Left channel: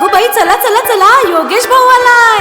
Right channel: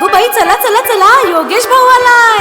अगो बाई, चला चला चला, योगेश भाऊ आलाय.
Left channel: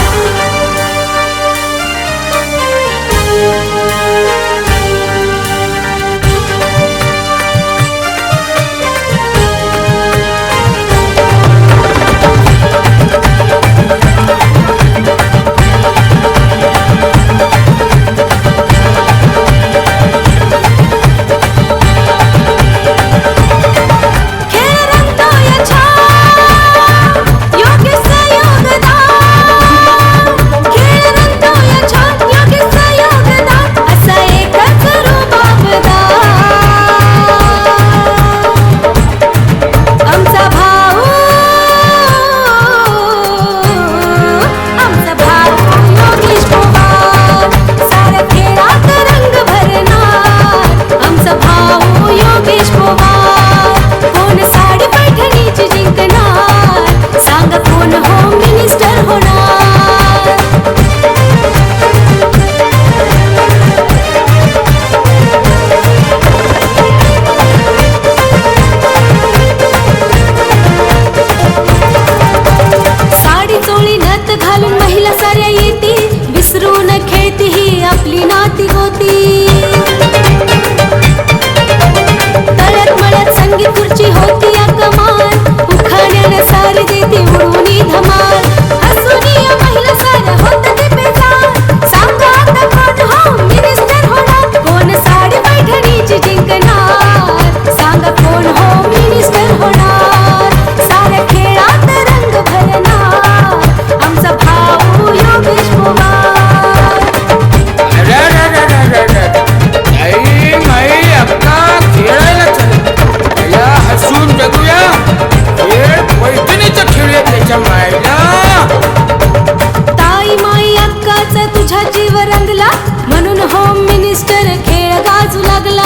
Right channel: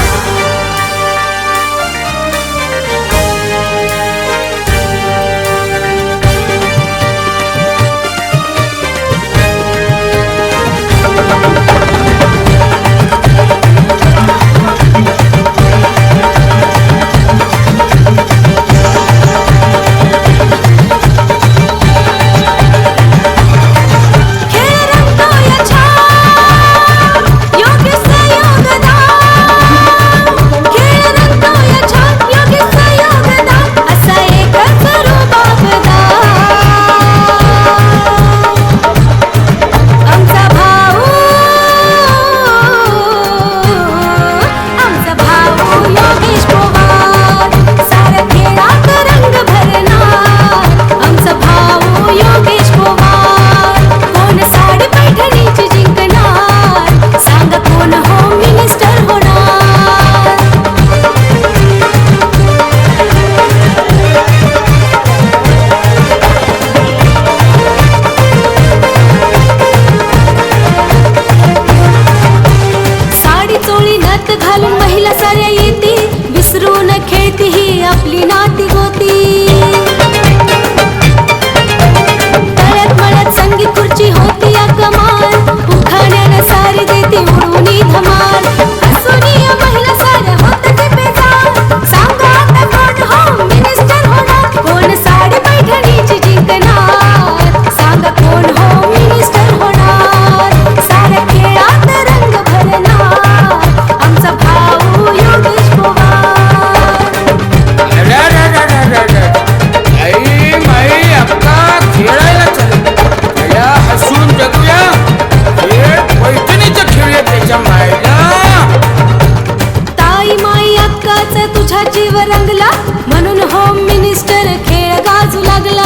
घालून महिला साऱ्या येती, विसरून खेळती ही आपली नाती गोती. तळ्यात मळ्यात संगीत खुर्ची होती या कमाल, उखाण्यानं सारी देती उडवून धमाल. हसून या महिला साऱ्या होत ते बेजार, सांगा आता कोण होम मिनिस्टर होणार, कोण साडी पैठणीची जिंकणार, सांगा कोण होम मिनिस्टर होणार. साऱ्या खेळात रंग भरणार आमचा भाऊ योगेश पवार. आई माई अक्का खेळायला चल, या हसून जगूया, खेळ पैठणीचं खेळूया त्याच्या मायला. ताई माई अक्काचा तुझा जीव रंगला, म्हणून होम मिनिस्टर खेळ गाजू लागला.